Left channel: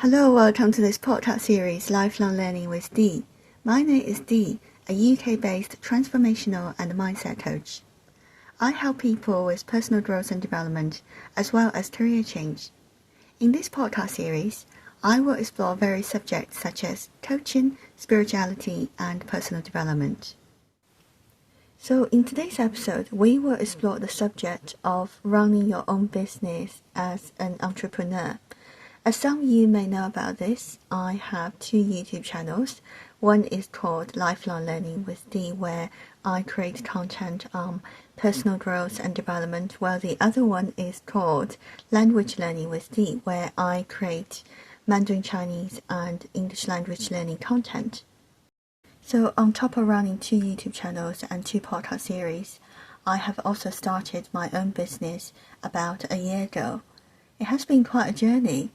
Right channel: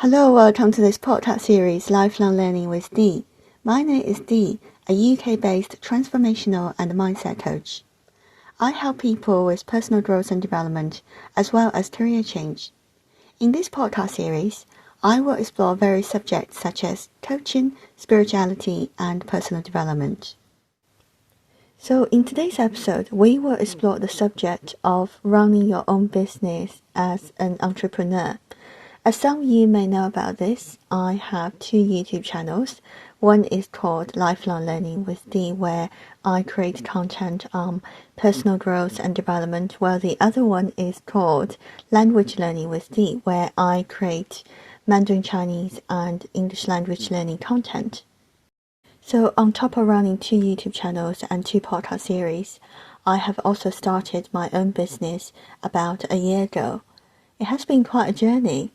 Hello, welcome to this podcast series, Lifelong Learning with Dee. My name is Dee, a UK-based Transformational and Mindset Coach. I help people with personal growth and development, as well as career change. In this podcast series, I will explore various subjects such as coaching, spirituality, and personal development. So in today's episode, we will explore the subject of running your own business as an entrepreneur. As some of you may know about this, I have two YouTube channels. One is called Lifelong Learning with Dee, where I create content on personal growth and development, while the other one is called Language Learning with Dee, where I create Mandarin Chinese and English language learning content. So on top of running two YouTube channels and two podcast series, I have also started my own business about a year ago. It has been quite a journey.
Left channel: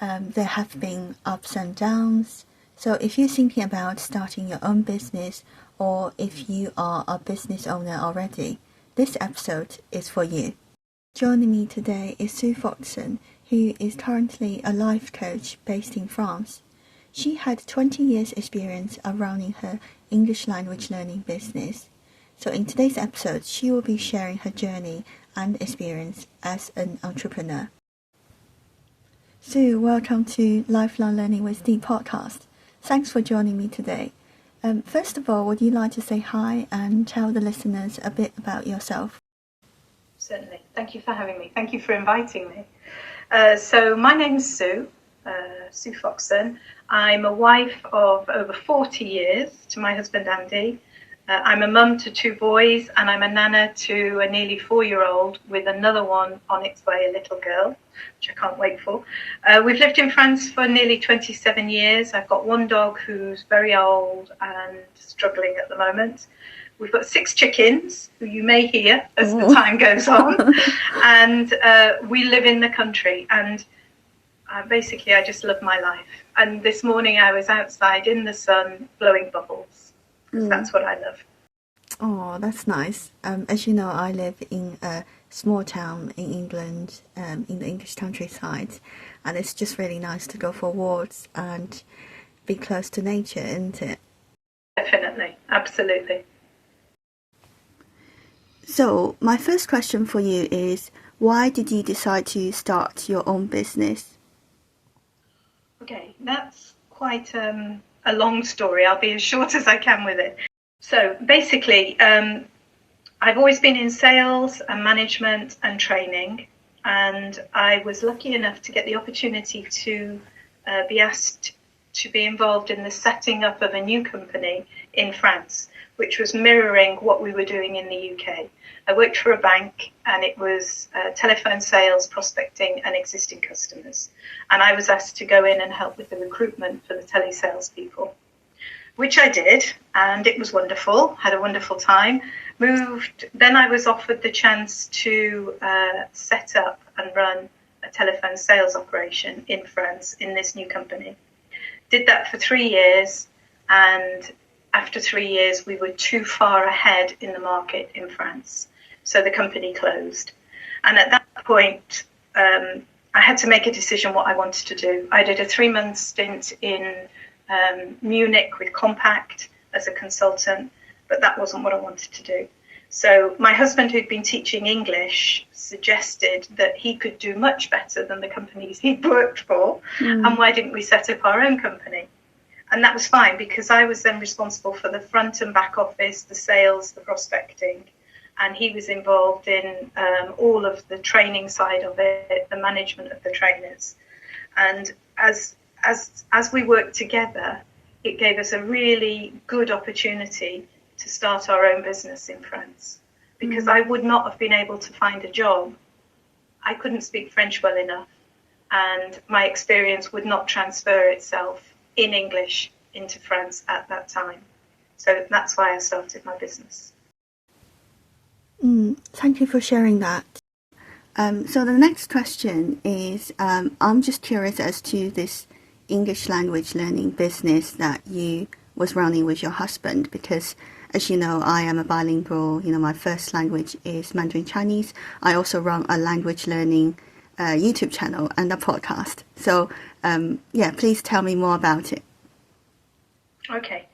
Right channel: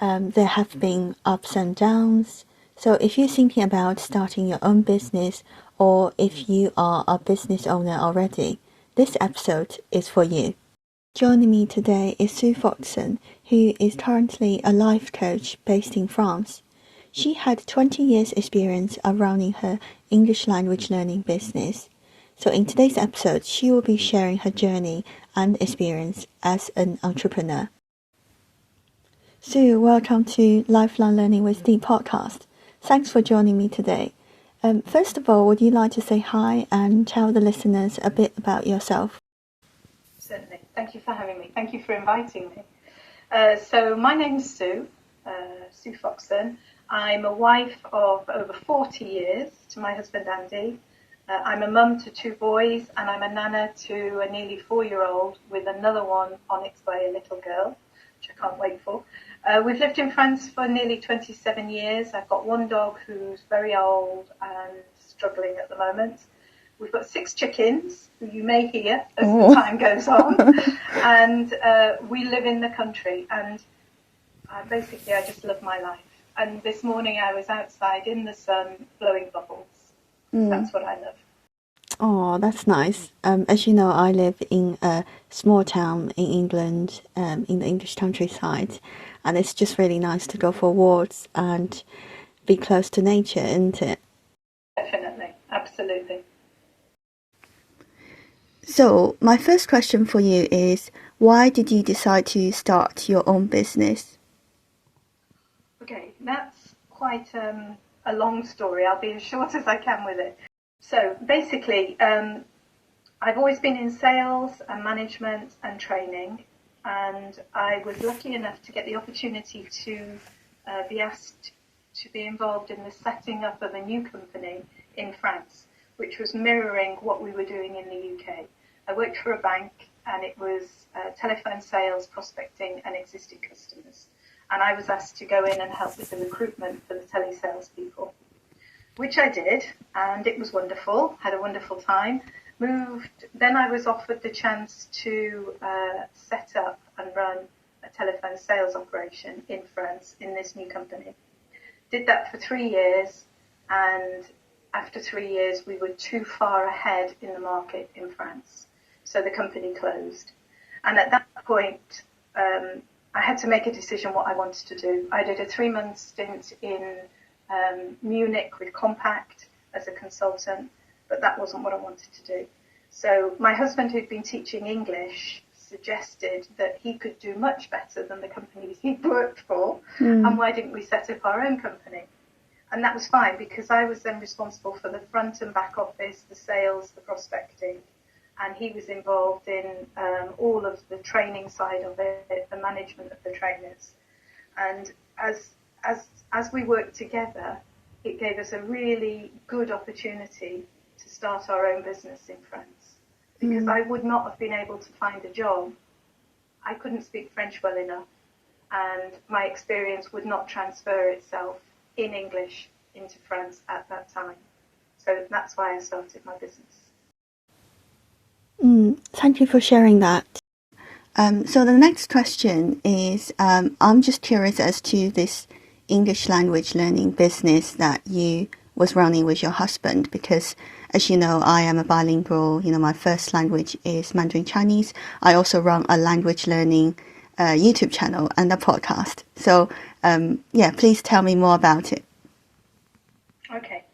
There have been ups and downs. So if you're thinking about starting your own business, or if you are a business owner already, this episode is for you. Joining me today is Sue Foxon, who is currently a life coach based in France. She had 20 years experience of running her English language learning business. So in today's episode, she will be sharing her journey and experience as an entrepreneur. Sue, welcome to Lifelong Learning with Dee podcast. Thanks for joining me today. First of all, would you like to say hi and tell the listeners a bit about yourself? Certainly. Thank you for having me. Thank you for inviting me. So my name's Sue Foxon. I'm a wife of over 40 years to my husband Andy. I'm a mum to two boys, and I'm a nana to a nearly 4-year-old with another one on its way, a little girl, which I can't wait for. We've lived in France for nearly 27 years. I've got one dog who's very old and struggling at the moment. We've got 6 chickens, who you may hear as the time goes on. And we live in the country, and basically I just love my life. And this morning I was outside in the sun blowing bubbles. That's what I love. Oh, that's nice. As you know, I live in a small town in England, in the English countryside, and it's just really nice to go for walks and be close to nature, isn't it? Definitely, absolutely. So, my first question for you is, why did you decide to start your own business? Okay, that's quite a long story. I'll be as short as I can with it. So basically, I've always been in sales and management and training, and I was lucky enough to get the opportunity to be asked to be involved in the setting up of a new company in France, which was mirroring what we were doing in the UK. I worked for a bank, and it was telephone sales, prospecting and existing customers. And I was asked to go in and help with the recruitment for the telesales people, which I did, and it was wonderful, had a wonderful time. Then I was offered the chance to set up and run a telephone sales operation in France in this new company. Did that for 3 years, and after 3 years we were too far ahead in the market in France, so the company closed. And at that point I had to make a decision what I wanted to do. I did a 3-month stint in Munich with Compact as a consultant, but that wasn't what I wanted to do. So my husband, who'd been teaching English, suggested that he could do much better than the companies he'd worked for, and why didn't we set up our own company? And that was fine, because I was then responsible for the front and back office, the sales, the prospecting, and he was involved in all of the training side of it, the management of the trainers. And as we worked together, it gave us a really good opportunity to start our own business in France, because I would not have been able to find a job. I couldn't speak French well enough, and my experience would not transfer itself in English into France at that time. So that's why I started my business. Thank you for sharing that. So the next question is, I'm just curious as to this English language learning business that you was running with your husband, because as you know, I am a bilingual. My first language is Mandarin Chinese. I also run a language learning YouTube channel and a podcast. So Yeah, please tell me more about it. Okay.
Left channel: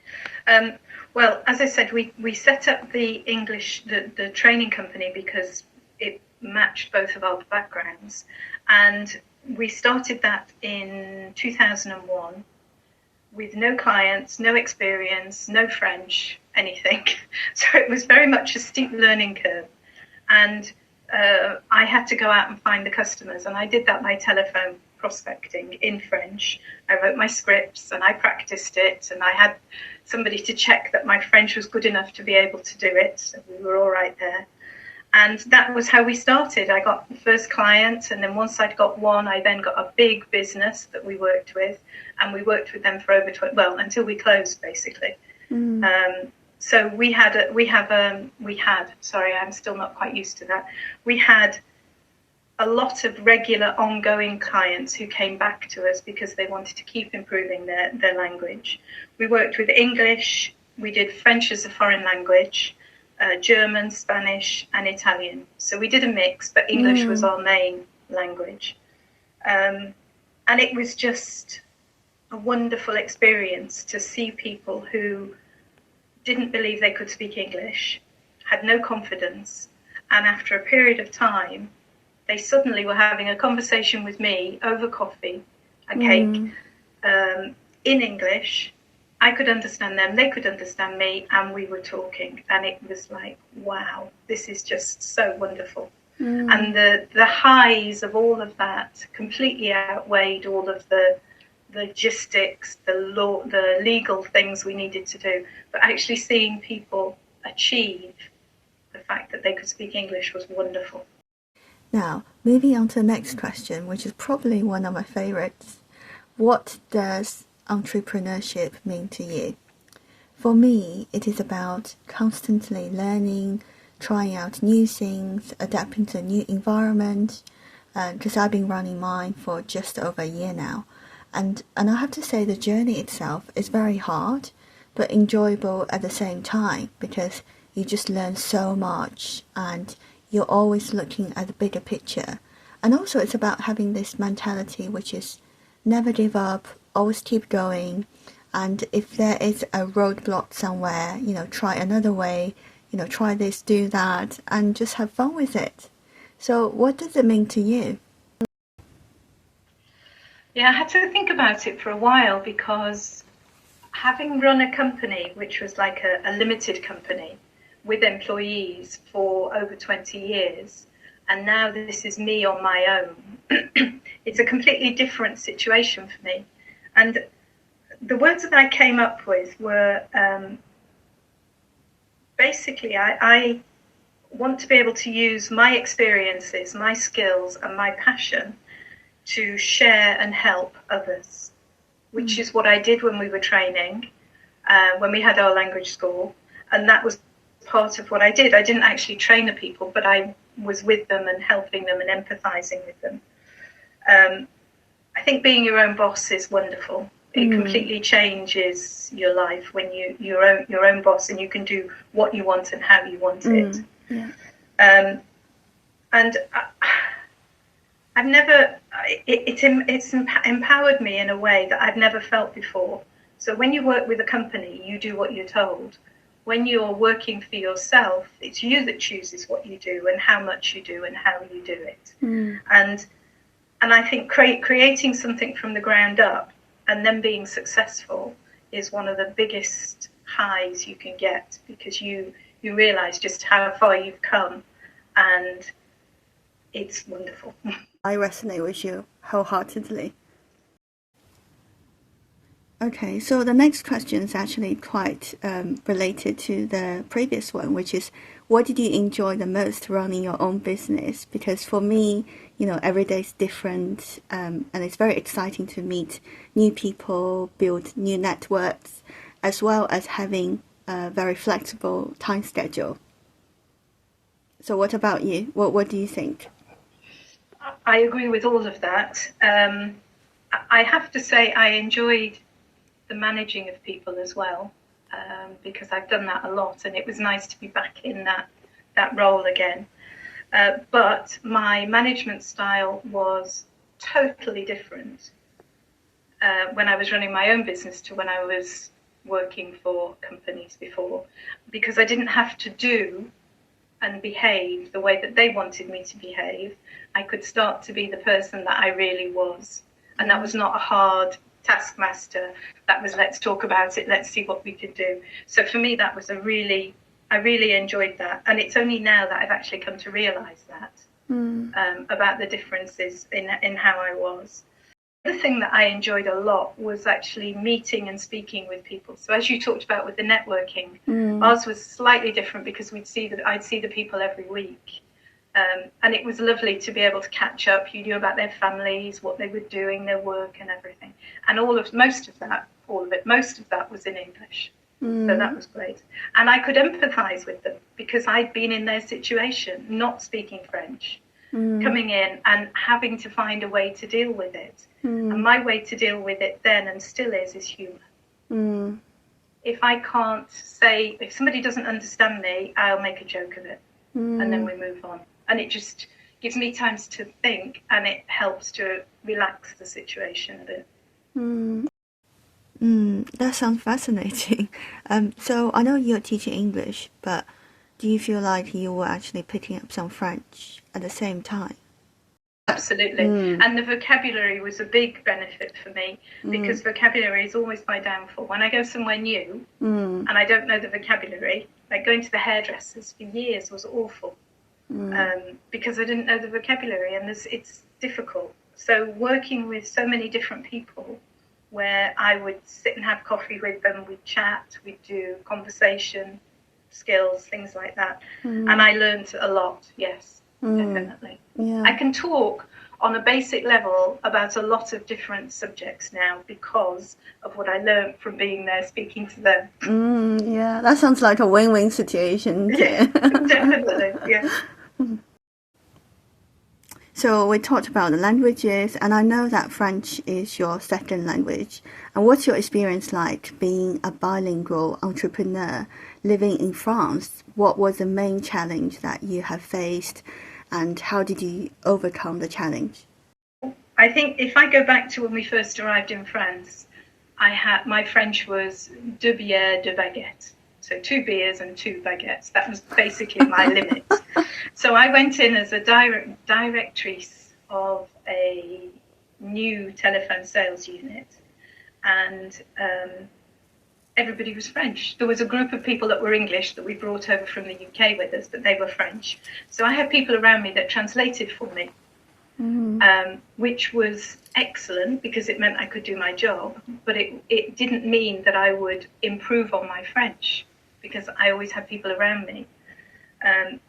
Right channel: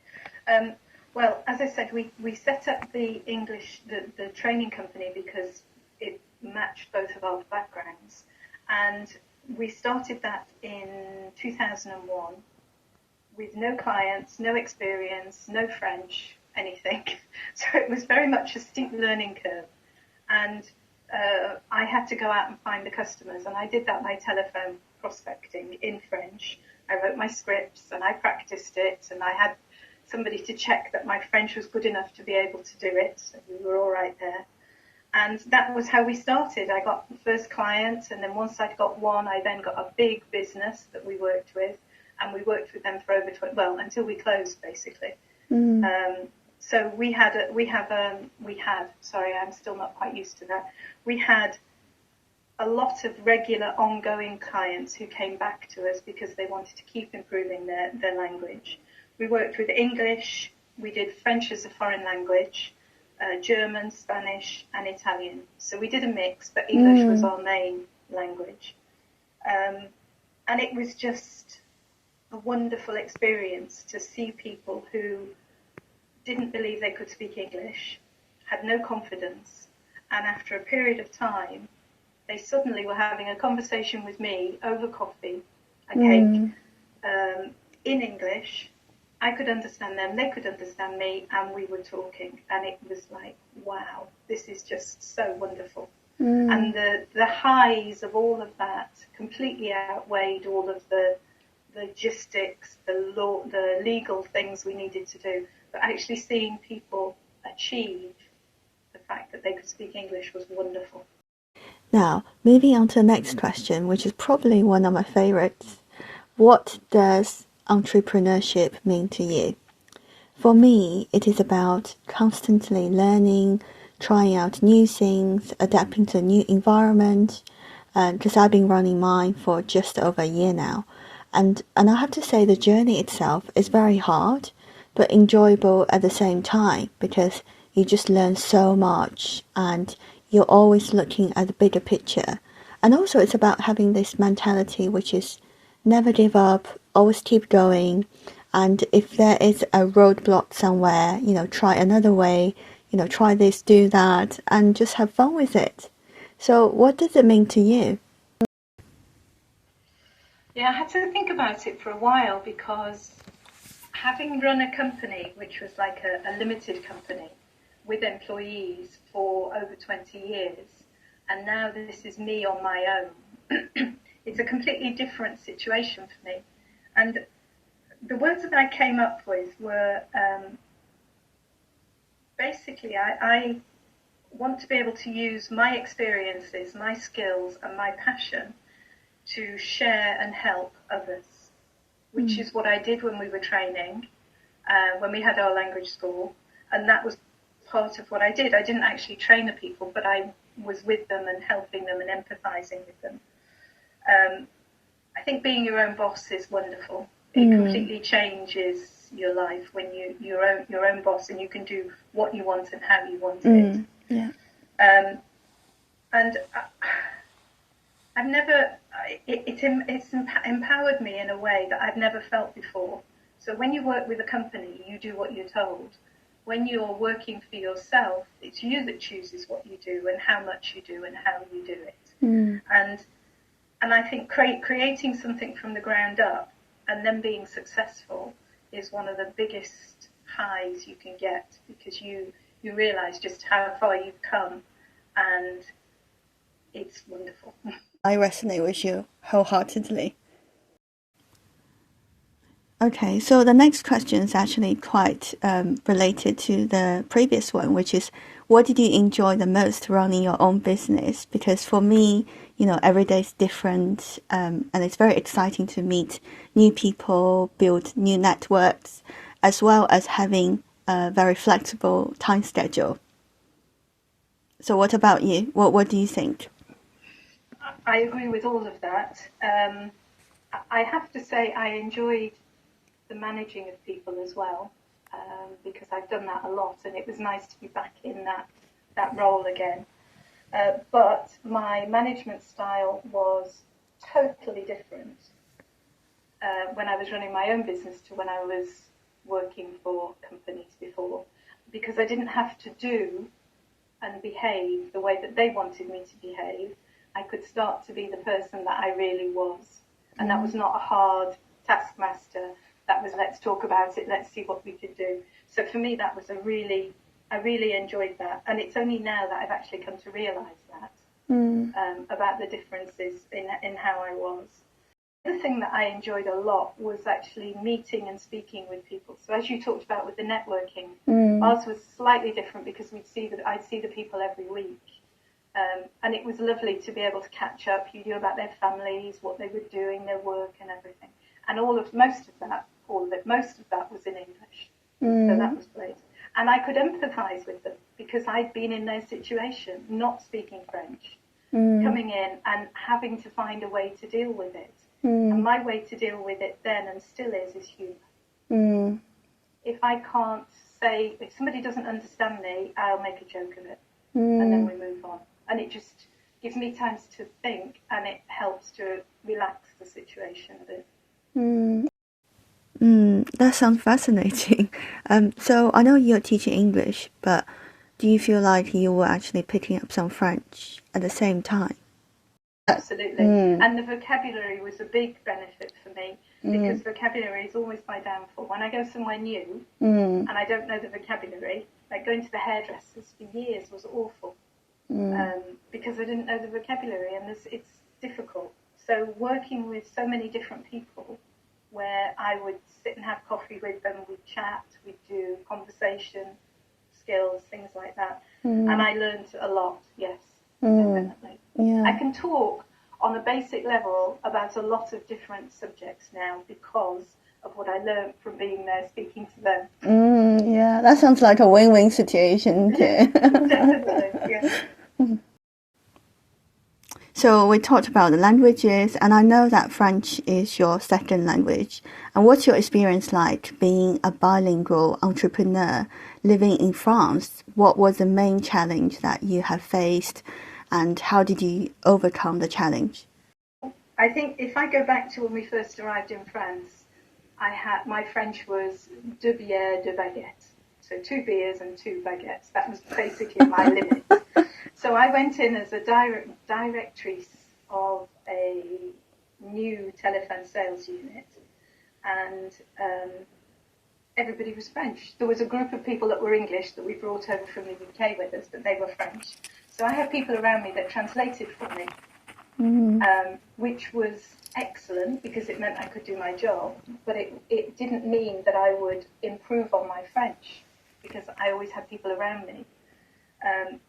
Well, as I said, we set up the the training company because it matched both of our backgrounds. And we started that in 2001 with no clients, no experience, no French, anything. So it was very much a steep learning curve. And I had to go out and find the customers, and I did that by telephone prospecting in French. I wrote my scripts and I practiced it, and I had somebody to check that my French was good enough to be able to do it. So we were all right there. And that was how we started. I got the first client, and then once I'd got one, I then got a big business that we worked with, and we worked with them for over until we closed, basically. So sorry, I'm still not quite used to that. We had a lot of regular ongoing clients who came back to us because they wanted to keep improving their language. We worked with English, we did French as a foreign language, German, Spanish, and Italian. So we did a mix, but English was our main language. And it was just a wonderful experience to see people who didn't believe they could speak English, had no confidence, and after a period of time, they suddenly were having a conversation with me over coffee, a cake, in English. I could understand them, they could understand me, and we were talking. And it was like, wow, this is just so wonderful. And the highs of all of that completely outweighed all of the logistics, the legal things we needed to do. But actually seeing people achieve the fact that they could speak English was wonderful. Now, moving on to the next question, which is probably one of my favorites. What does entrepreneurship mean to you? For me, it is about constantly learning, trying out new things, adapting to a new environment, because I've been running mine for just over a year now. And I have to say the journey itself is very hard, but enjoyable at the same time, because you just learn so much and you're always looking at the bigger picture. And also it's about having this mentality which is never give up, always keep going. And if there is a roadblock somewhere, try another way, try this, do that, and just have fun with it. So what does it mean to you? Yeah, I had to think about it for a while because having run a company, which was like a limited company with employees for over 20 years, and now this is me on my own, it's a completely different situation for me. And the words that I came up with were basically, I want to be able to use my experiences, my skills, and my passion to share and help others, which is what I did when we were training, when we had our language school. And that was part of what I did. I didn't actually train the people, but I was with them and helping them and empathizing with them. I think being your own boss is wonderful. It completely changes your life when you're your own boss and you can do what you want and how you want it. Yeah. And I've never, it's empowered me in a way that I've never felt before. So when you work with a company, you do what you're told. When you're working for yourself, it's you that chooses what you do and how much you do and how you do it. And I think creating something from the ground up and then being successful is one of the biggest highs you can get, because you realize just how far you've come, and it's wonderful. I resonate with you wholeheartedly. Okay, so the next question is actually quite related to the previous one, which is, what did you enjoy the most running your own business? Because for me, every day is different, and it's very exciting to meet new people, build new networks, as well as having a very flexible time schedule. So what about you? What do you think? I agree with all of that. I have to say I enjoyed the managing of people as well, because I've done that a lot, and it was nice to be back in that role again. But my management style was totally different. when I was running my own business to when I was working for companies before, because I didn't have to do and behave the way that they wanted me to behave. I could start to be the person that I really was. And that was not a hard taskmaster. That was, let's talk about it, let's see what we could do. So for me, that was I really enjoyed that. And it's only now that I've actually come to realize that, about the differences in how I was. The thing that I enjoyed a lot was actually meeting and speaking with people. So as you talked about with the networking, ours was slightly different because I'd see the people every week. And it was lovely to be able to catch up. You knew about their families, what they were doing, their work and everything. And most of that was in English. So that was great. And I could empathize with them because I'd been in their situation, not speaking French, coming in and having to find a way to deal with it. And my way to deal with it then and still is humor. If somebody doesn't understand me, I'll make a joke of it. And then we move on. And it just gives me time to think, and it helps to relax the situation a bit. That sounds fascinating. So I know you're teaching English, but do you feel like you were actually picking up some French at the same time? Absolutely. And the vocabulary was a big benefit for me because vocabulary is always my downfall. When I go somewhere new and I don't know the vocabulary, like going to the hairdressers for years was awful because I didn't know the vocabulary, and it's difficult. So working with so many different people where I would sit and have coffee with them, we'd chat, we'd do conversation skills, things like that. And I learned a lot, yes, definitely. Yeah. I can talk on a basic level about a lot of different subjects now because of what I learned from being there speaking to them. Yeah, that sounds like a win-win situation. Yeah, definitely, yeah. So we talked about the languages, and I know that French is your second language. And what's your experience like being a bilingual entrepreneur living in France? What was the main challenge that you have faced, and how did you overcome the challenge? I think if I go back to when we first arrived in France, my French was deux bières, deux baguettes. So 2 beers and 2 baguettes. That was basically my limit. So I went in as a directrice of a new telephone sales unit, and everybody was French. There was a group of people that were English that we brought over from the UK with us, but they were French. So I had people around me that translated for me, which was excellent because it meant I could do my job, but it didn't mean that I would improve on my French because I always had people around me.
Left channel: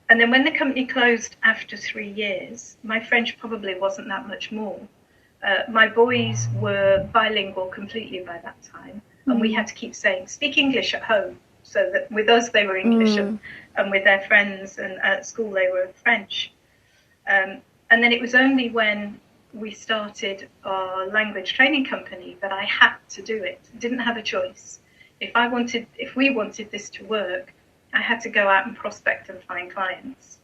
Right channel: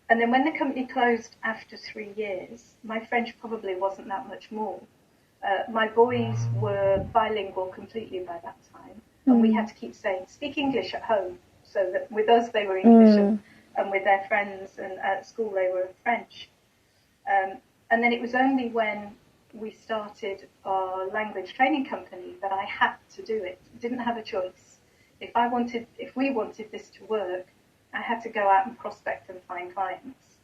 And then when the company closed after 3 years, my French probably wasn't that much more. My boys were bilingual completely by that time, and we had to keep saying, speak English at home, so that with us they were English, and with their friends and at school they were French. And then it was only when we started our language training company that I had to do it. I didn't have a choice. If we wanted this to work, I had to go out and prospect and find clients.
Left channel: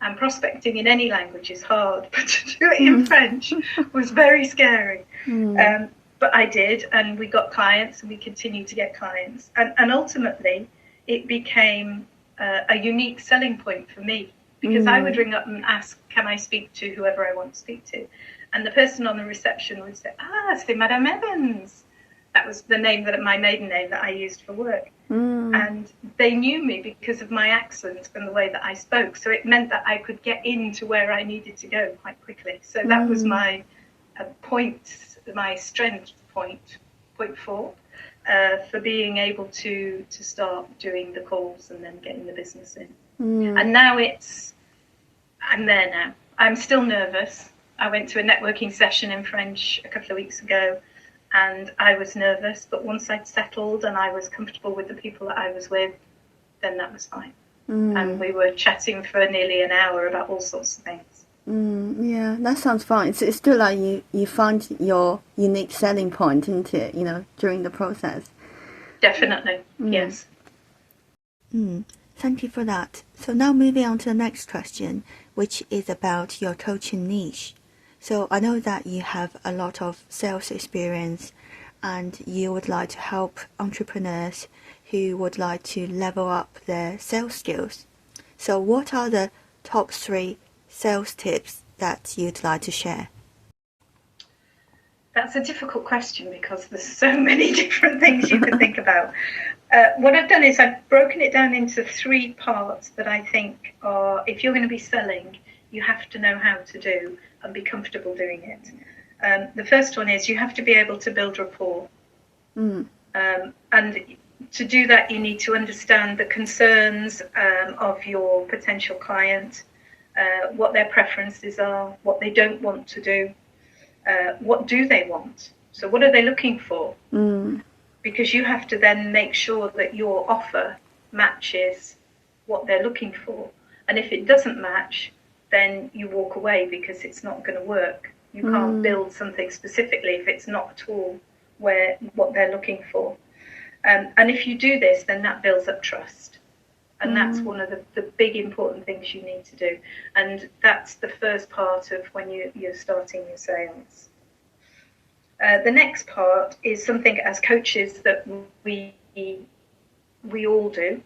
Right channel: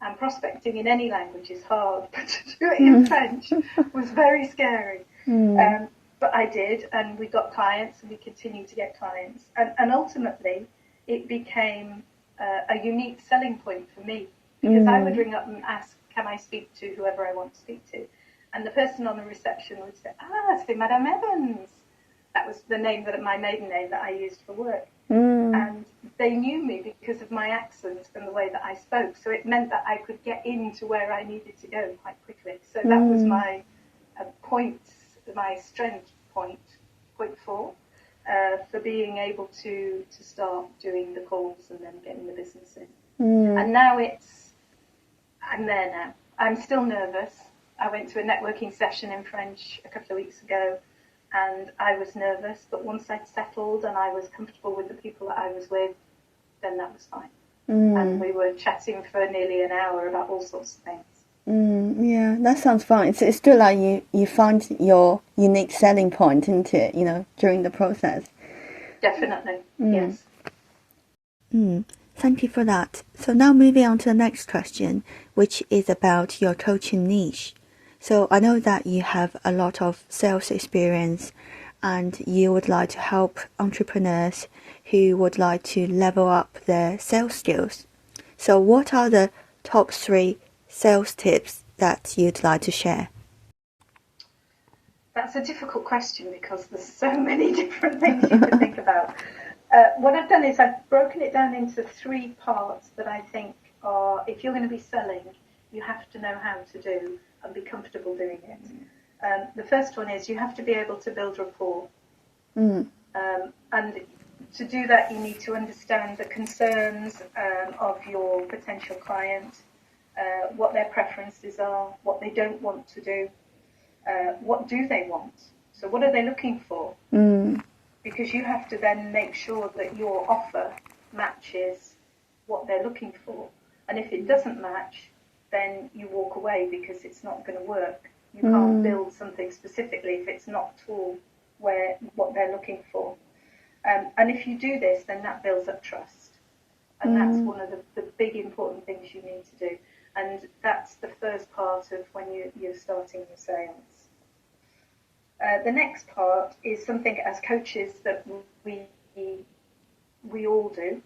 And prospecting in any language is hard, but to do it in French was very scary. But I did, and we got clients, and we continued to get clients. And ultimately, it became a unique selling point for me, because I would ring up and ask, can I speak to whoever I want to speak to? And the person on the reception would say, c'est Madame Evans. That was my maiden name that I used for work. And they knew me because of my accent and the way that I spoke. So it meant that I could get into where I needed to go quite quickly. So that was my strength point 4, for being able to start doing the calls and then getting the business in. And now I'm there now. I'm still nervous. I went to a networking session in French a couple of weeks ago, and I was nervous, but once I'd settled and I was comfortable with the people that I was with, then that was fine. And we were chatting for nearly an hour about all sorts of things. Yeah, that sounds fun. It's still like you find your unique selling point, isn't it, during the process? Definitely, yes. Thank you for that. So now moving on to the next question, which is about your coaching niche. So I know that you have a lot of sales experience and you would like to help entrepreneurs who would like to level up their sales skills. So what are the top 3 sales tips that you'd like to share? That's a difficult question because there's so many different things you could think about. What I've done is I've broken it down into 3 parts that I think are, if you're going to be selling, you have to know how to do and be comfortable doing it. The first one is you have to be able to build rapport. And to do that, you need to understand the concerns of your potential client, what their preferences are, what they don't want to do. What do they want? So what are they looking for? Because you have to then make sure that your offer matches what they're looking for. And if it doesn't match, then you walk away because it's not going to work. You can't build something specifically if it's not at all what they're looking for. And if you do this, then that builds up trust. And that's one of the big important things you need to do. And that's the first part of when you're starting your sales. The next part is something as coaches that we all do,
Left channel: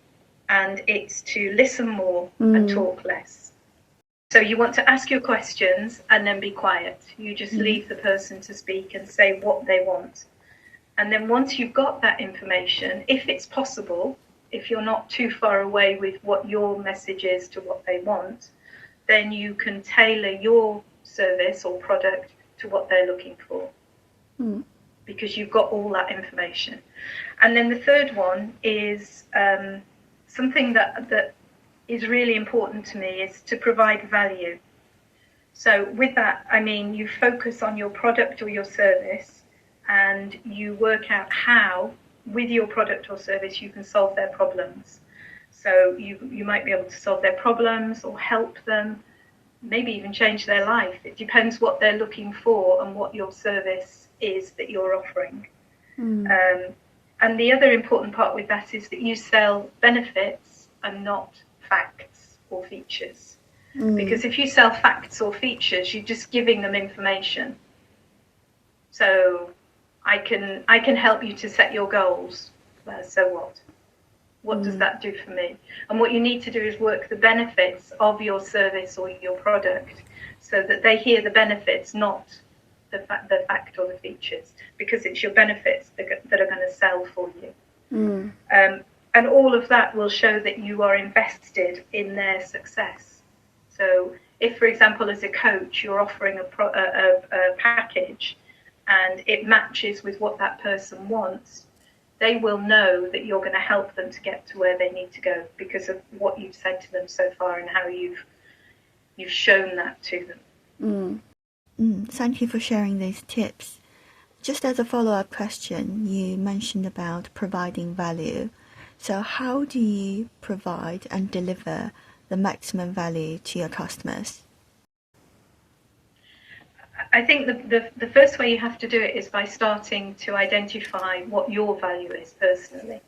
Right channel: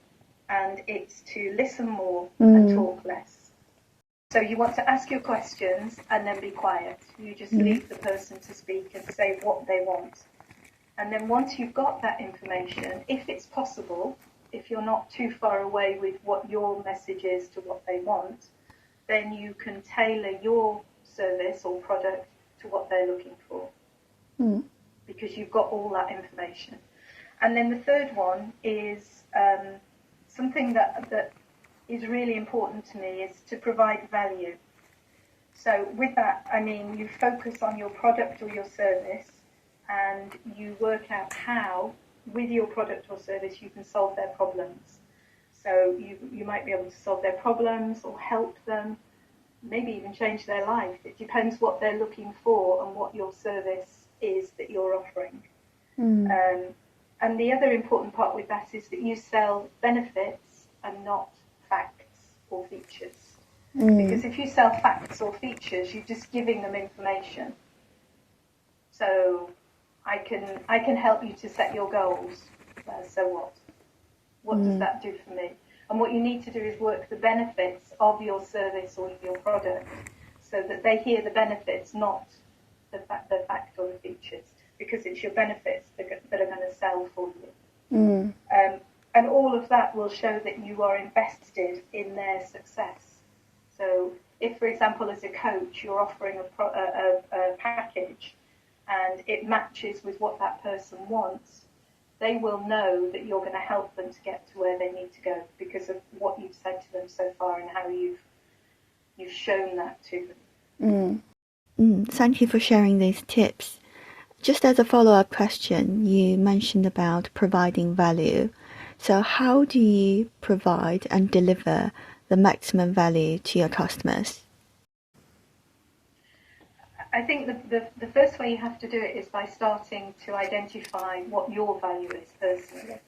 and it's to listen more and talk less. So you want to ask your questions and then be quiet. You just leave the person to speak and say what they want. And then once you've got that information, if it's possible, if you're not too far away with what your message is to what they want, then you can tailor your service or product to what they're looking for. Because you've got all that information. And then the third one is something that is really important to me is to provide value. So with that, I mean, you focus on your product or your service and you work out how, with your product or service, you can solve their problems. So you might be able to solve their problems or help them, maybe even change their life. It depends what they're looking for and what your service is that you're offering. And the other important part with that is that you sell benefits and not facts or features. Because if you sell facts or features, you're just giving them information. So I can help you to set your goals. So what? What does that do for me? And what you need to do is work the benefits of your service or your product so that they hear the benefits, not the fact or the features, because it's your benefits that are going to sell for you. And all of that will show that you are invested in their success. So if, for example, as a coach, you're offering a package and it matches with what that person wants, they will know that you're going to help them to get to where they need to go because of what you've said to them so far and how you've shown that to them. Thank you for sharing these tips. Just as a follow-up question, you mentioned about providing value. So how do you provide and deliver the maximum value to your customers? I think the first way you have to do it is by starting to identify what your value is personally.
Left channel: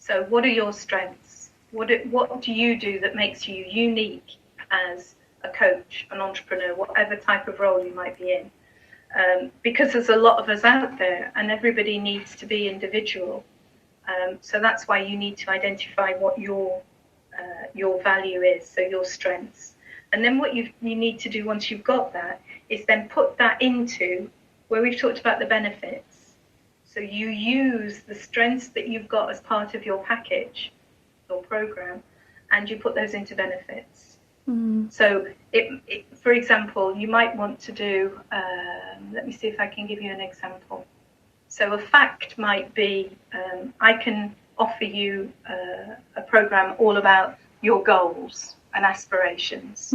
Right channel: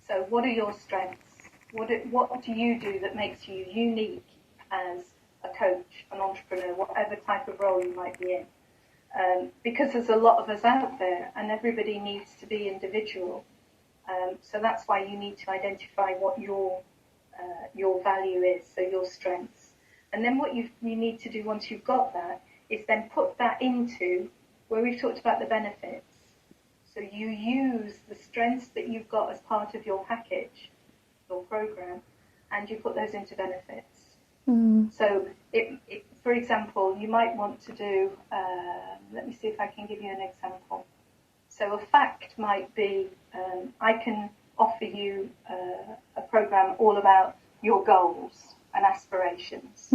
So what are your strengths? What do you do that makes you unique as a coach, an entrepreneur, whatever type of role you might be in? Because there's a lot of us out there and everybody needs to be individual. So that's why you need to identify what your value is, so your strengths. And then what you need to do once you've got that is then put that into where we've talked about the benefits. So you use the strengths that you've got as part of your package or program, and you put those into benefits. So for example, you might want to do, let me see if I can give you an example. So a fact might be, I can offer you a program all about your goals and aspirations.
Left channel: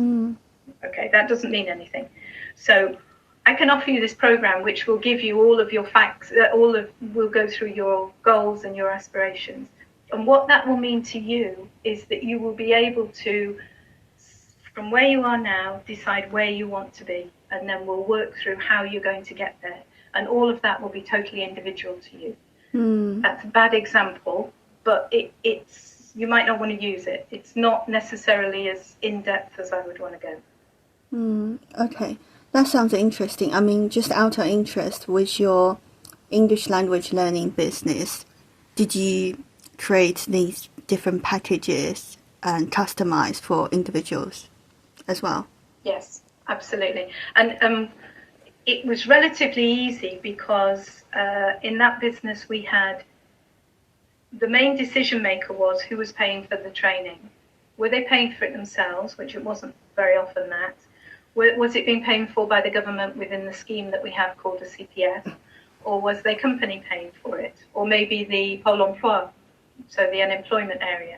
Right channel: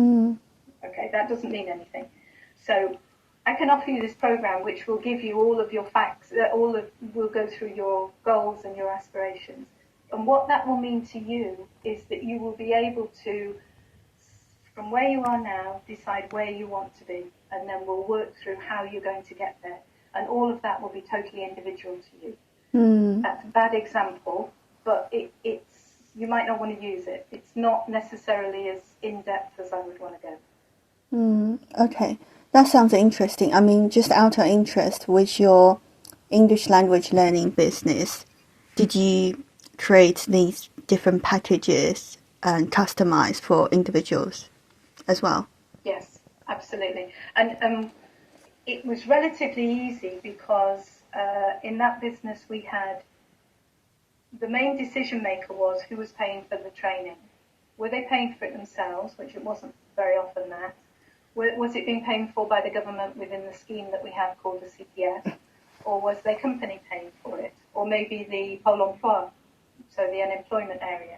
Okay, that doesn't mean anything. So I can offer you this program which will give you all of your facts, will go through your goals and your aspirations. And what that will mean to you is that you will be able to, from where you are now, decide where you want to be, and then we'll work through how you're going to get there. And all of that will be totally individual to you. That's a bad example, but it's you might not want to use it. It's not necessarily as in-depth as I would want to go. Okay, That sounds interesting. I mean, just out of interest, with your English language learning business, did you create these different packages and customize for individuals as well? Yes, absolutely. And it was relatively easy because in that business we had the main decision maker was who was paying for the training. Were they paying for it themselves, which it wasn't very often that? Was it being paid for by the government within the scheme that we have called the CPF? Or was their company paying for it? Or maybe the Pôle emploi, so the unemployment area.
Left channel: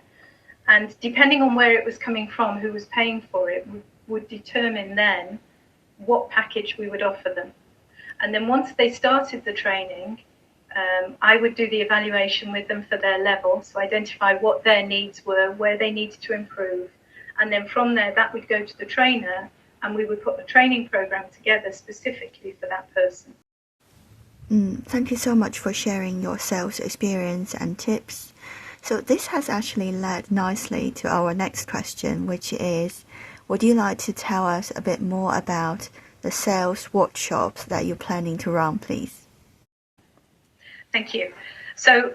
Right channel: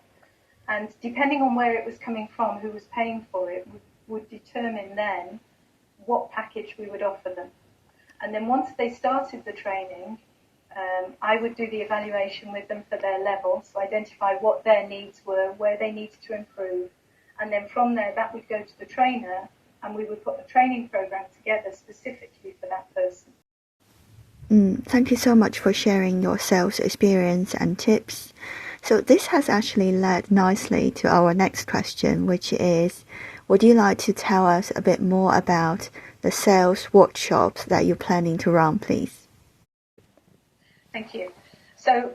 And depending on where it was coming from, who was paying for it, would determine then what package we would offer them. And then once they started the training, I would do the evaluation with them for their level, so identify what their needs were, where they needed to improve. And then from there, that would go to the trainer, and we would put a training program together specifically for that person. Thank you so much for sharing your sales experience and tips. So this has actually led nicely to our next question, which is, would you like to tell us a bit more about the sales workshops that you're planning to run, please? Thank you. So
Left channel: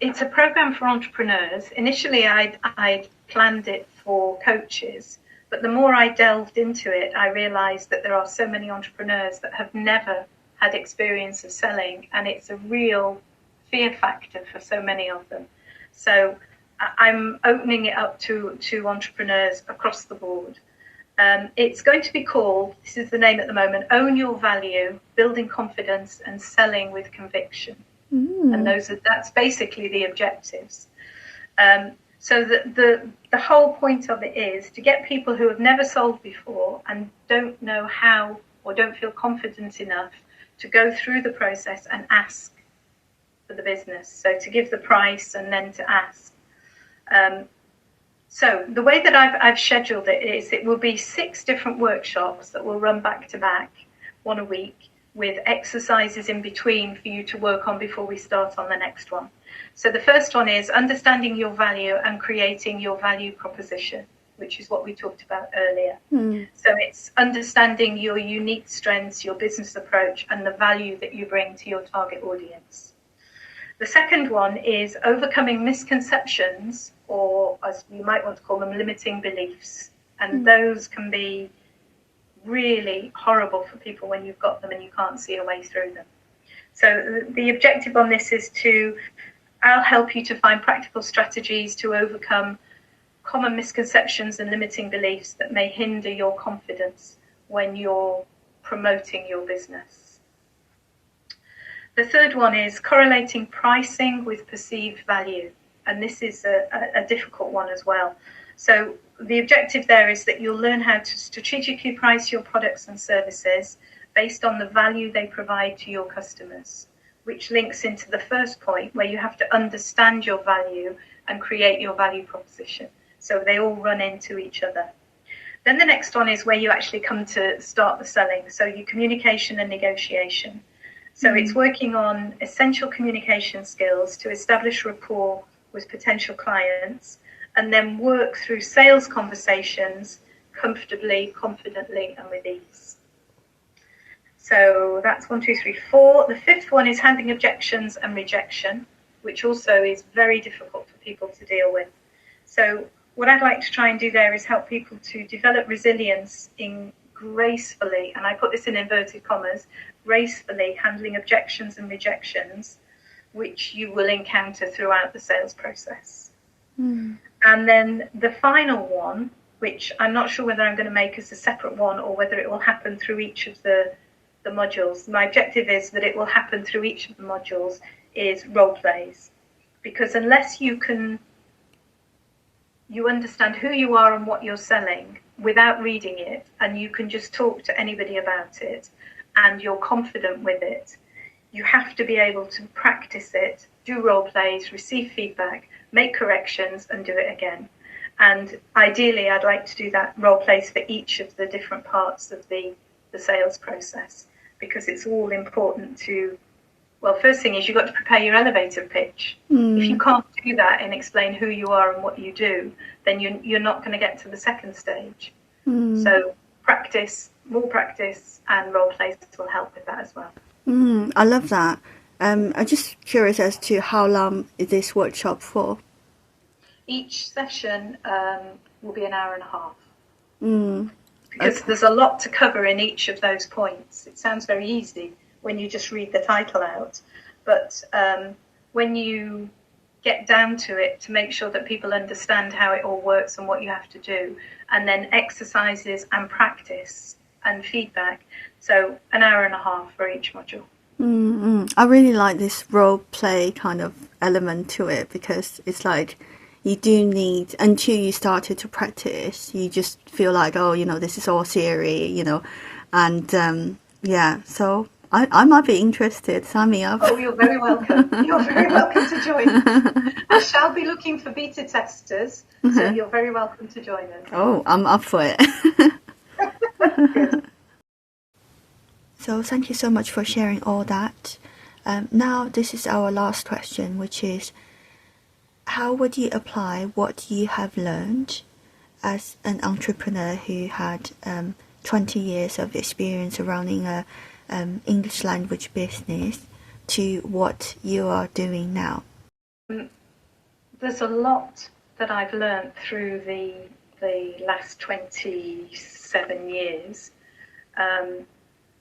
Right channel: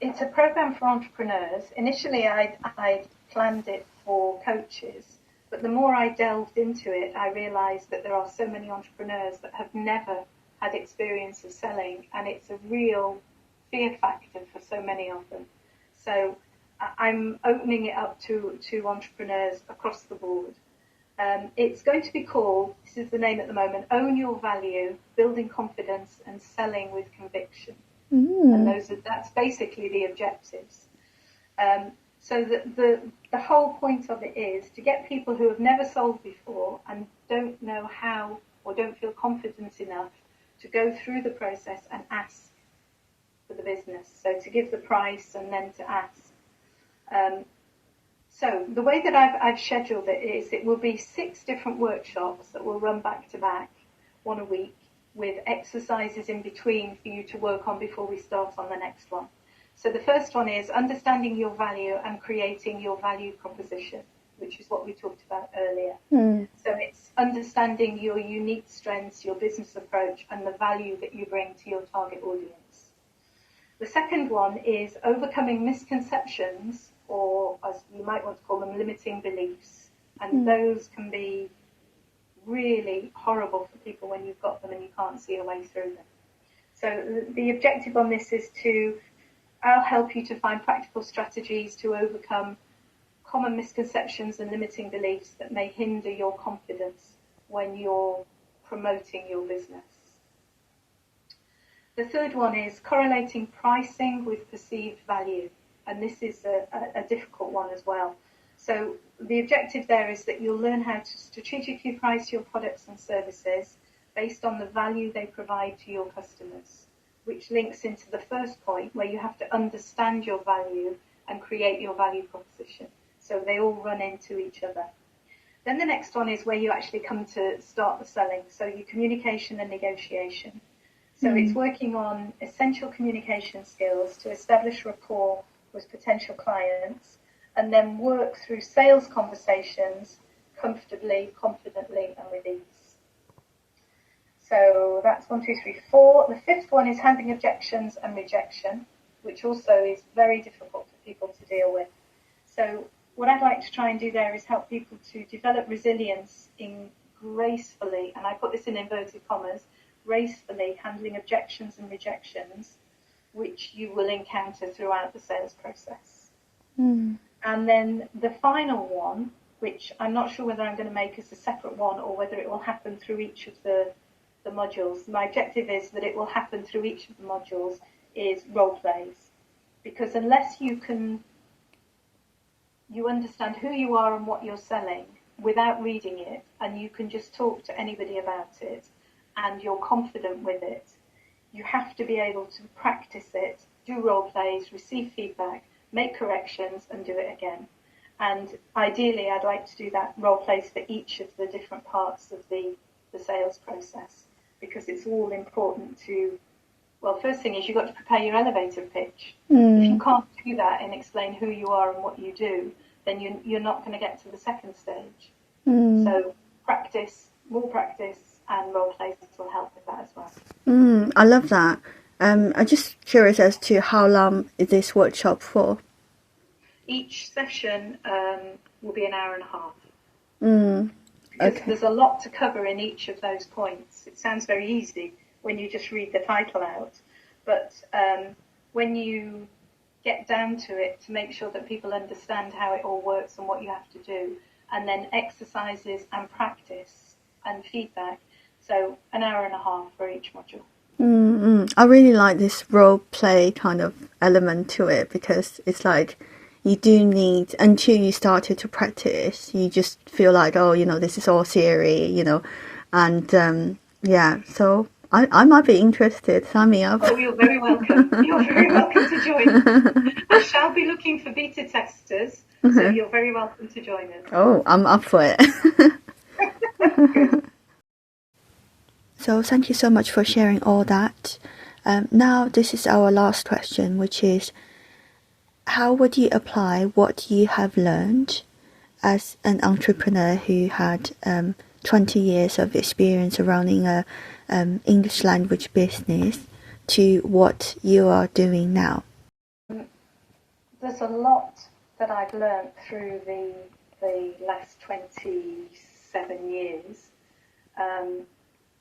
it's a program for entrepreneurs. Initially, I'd planned it for coaches, but the more I delved into it, I realized that there are so many entrepreneurs that have never had experience of selling, and it's a real fear factor for so many of them. So I'm opening it up to entrepreneurs across the board. It's going to be called, this is the name at the moment, Own Your Value, Building Confidence and Selling with Conviction. And that's basically the objectives. So the whole point of it is to get people who have never sold before and don't know how or don't feel confident enough to go through the process and ask for the business. So to give the price and then to ask. So the way that I've scheduled it is it will be 6 different workshops that will run back to back, one a week, with exercises in between for you to work on before we start on the next one. So the first one is understanding your value and creating your value proposition, which is what we talked about earlier. So it's understanding your unique strengths, your business approach, and the value that you bring to your target audience. The second one is overcoming misconceptions, or as you might want to call them, limiting beliefs. And those can be really horrible for people when you've got them and you can't see a way through them. So the objective on this is I'll help you to find practical strategies to overcome common misconceptions and limiting beliefs that may hinder your confidence when you're promoting your business. The third one is correlating pricing with perceived value. And this is a difficult one as well. So the objective there is that you'll learn how to strategically price your products and services based on the value they provide to your customers, which links into the first point where you have to understand your value and create your value proposition. So they all run into each other. Then the next one is where you actually come to start the selling. So your communication and negotiation. So it's working on essential communication skills to establish rapport with potential clients, and then work through sales conversations comfortably, confidently, and with ease. So that's 1, 2, 3, 4. The fifth one is handling objections and rejection, which also is very difficult for people to deal with. So what I'd like to try and do there is help people to develop resilience in gracefully, and I put this in inverted commas, gracefully handling objections and rejections, which you will encounter throughout the sales process. And then the final one, which I'm not sure whether I'm going to make as a separate one or whether it will happen through each of the modules. My objective is that it will happen through each of the modules, is role plays. Because unless you understand who you are and what you're selling without reading it, and you can just talk to anybody about it, and you're confident with it, you have to be able to practice it, do role plays, receive feedback, make corrections, and do it again. And ideally, I'd like to do that role plays for each of the different parts of the sales process, because it's all important to, well, first thing is you've got to prepare your elevator pitch. If you can't do that and explain who you are and what you do, then you're not going to get to the second stage. So practice, more practice and role plays will help with that as well. I love that. I'm just curious as to how long is this workshop for? Each session will be an hour and a half. Because Okay. there's a lot to cover in each of those points. It sounds very easy when you just read the title out, but when you get down to it, to make sure that people understand how it all works and what you have to do, and then exercises and practice and feedback. So an hour and a half for each module. I really like this role play kind of element to it, because it's like you do need, until you started to practice, you just feel like, oh, this is all theory, and yeah, so I might be interested. Sign me up. Oh, you're very welcome. You're very welcome to join. I shall be looking for beta testers, so you're very welcome to join us. Oh, I'm up for it. Good. So thank you so much for sharing all that. Now this is our last question, which is, how would you apply what you have learned as an entrepreneur who had 20 years of experience running a English language business to what you are doing now? There's a lot that I've learned through the last 27 years.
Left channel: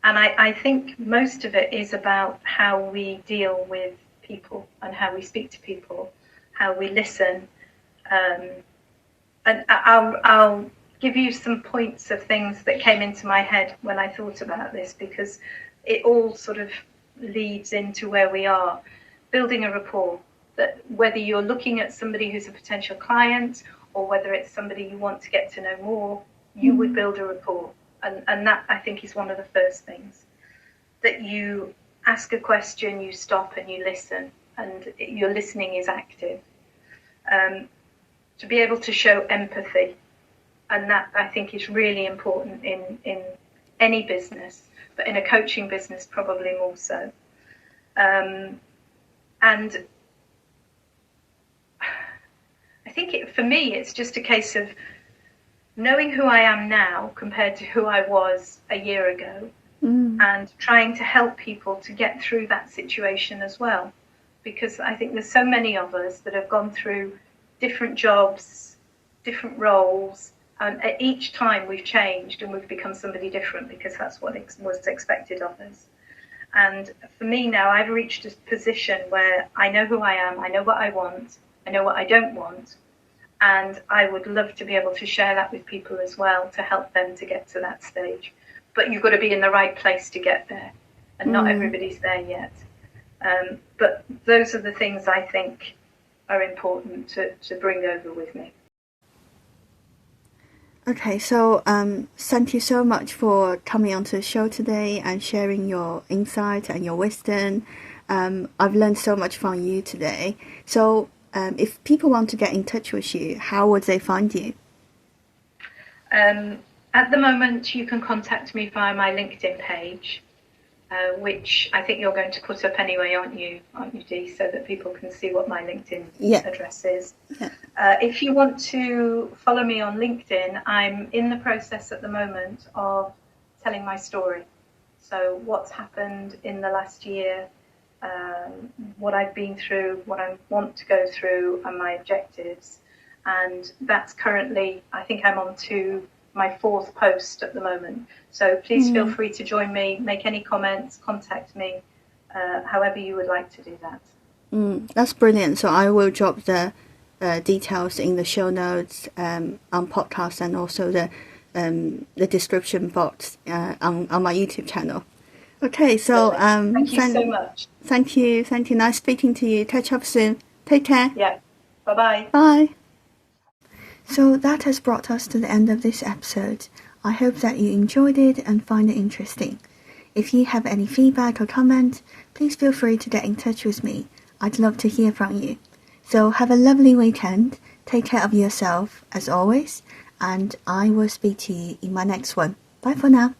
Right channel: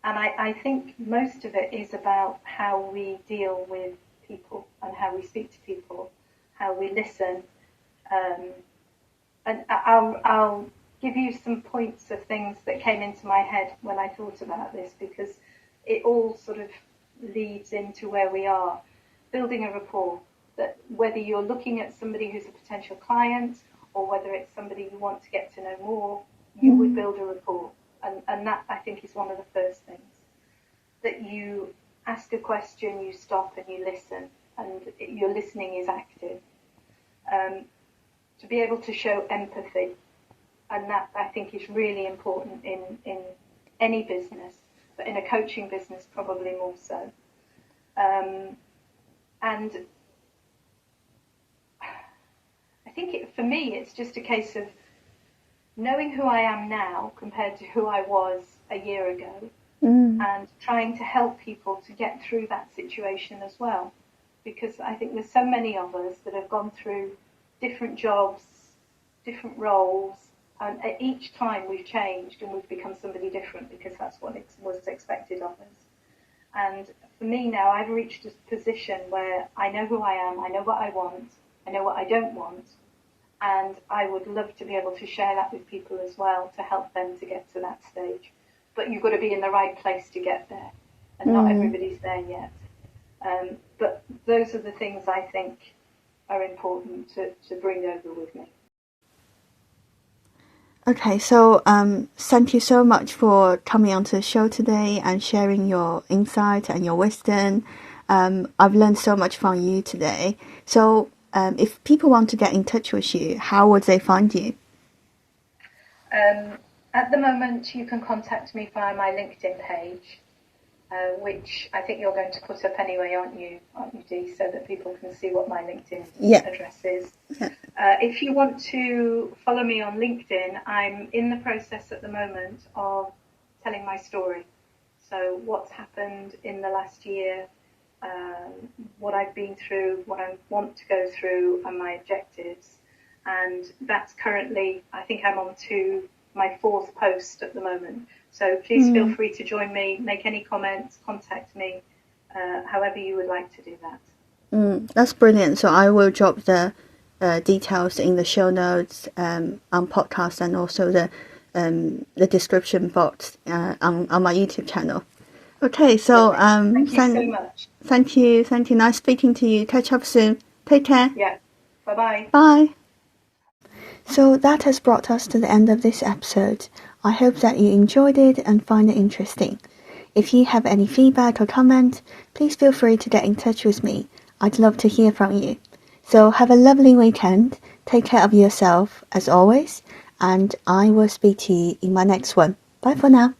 And I think most of it is about how we deal with people and how we speak to people, how we listen. And I'll give you some points of things that came into my head when I thought about this, because it all sort of leads into where we are. Building a rapport, that whether you're looking at somebody who's a potential client or whether it's somebody you want to get to know more, you would build a rapport. And that, I think, is one of the first things. That you ask a question, you stop and you listen, and your listening is active. To be able to show empathy, and that, I think, is really important in any business, but in a coaching business probably more so. And I think for me it's just a case of knowing who I am now compared to who I was a year ago, and trying to help people to get through that situation as well. Because I think there's so many of us that have gone through different jobs, different roles, and at each time we've changed and we've become somebody different, because that's what was expected of us. And for me now, I've reached a position where I know who I am, I know what I want, I know what I don't want, and I would love to be able to share that with people as well, to help them to get to that stage. But you've got to be in the right place to get there, and not everybody's there yet. But those are the things I think are important to bring over with me. Okay, so thank you so much for coming onto the show today and sharing your insight and your wisdom. I've learned so much from you today. So if people want to get in touch with you, how would they find you? At the moment, you can contact me via my LinkedIn page, which I think you're going to put up anyway, aren't you, Dee, so that people can see what my LinkedIn address is. Yeah. If you want to follow me on LinkedIn, I'm in the process at the moment of telling my story. So what's happened in the last year, what I've been through, what I want to go through, and my objectives. And that's currently, I think I'm on to my 4th post at the moment. So please feel free to join me, make any comments, contact me, however you would like to do that. That's brilliant. So I will drop the details in the show notes on podcast, and also the description box on my YouTube channel. Okay, so thank you so much. Thank you. Nice speaking to you. Catch up soon. Take care. Yeah. Bye-bye. Bye. So that has brought us to the end of this episode. I hope that you enjoyed it and find it interesting. If you have any feedback or comment, please feel free to get in touch with me. I'd love to hear from you. So have a lovely weekend. Take care of yourself as always, and I will speak to you in my next one. Bye for now.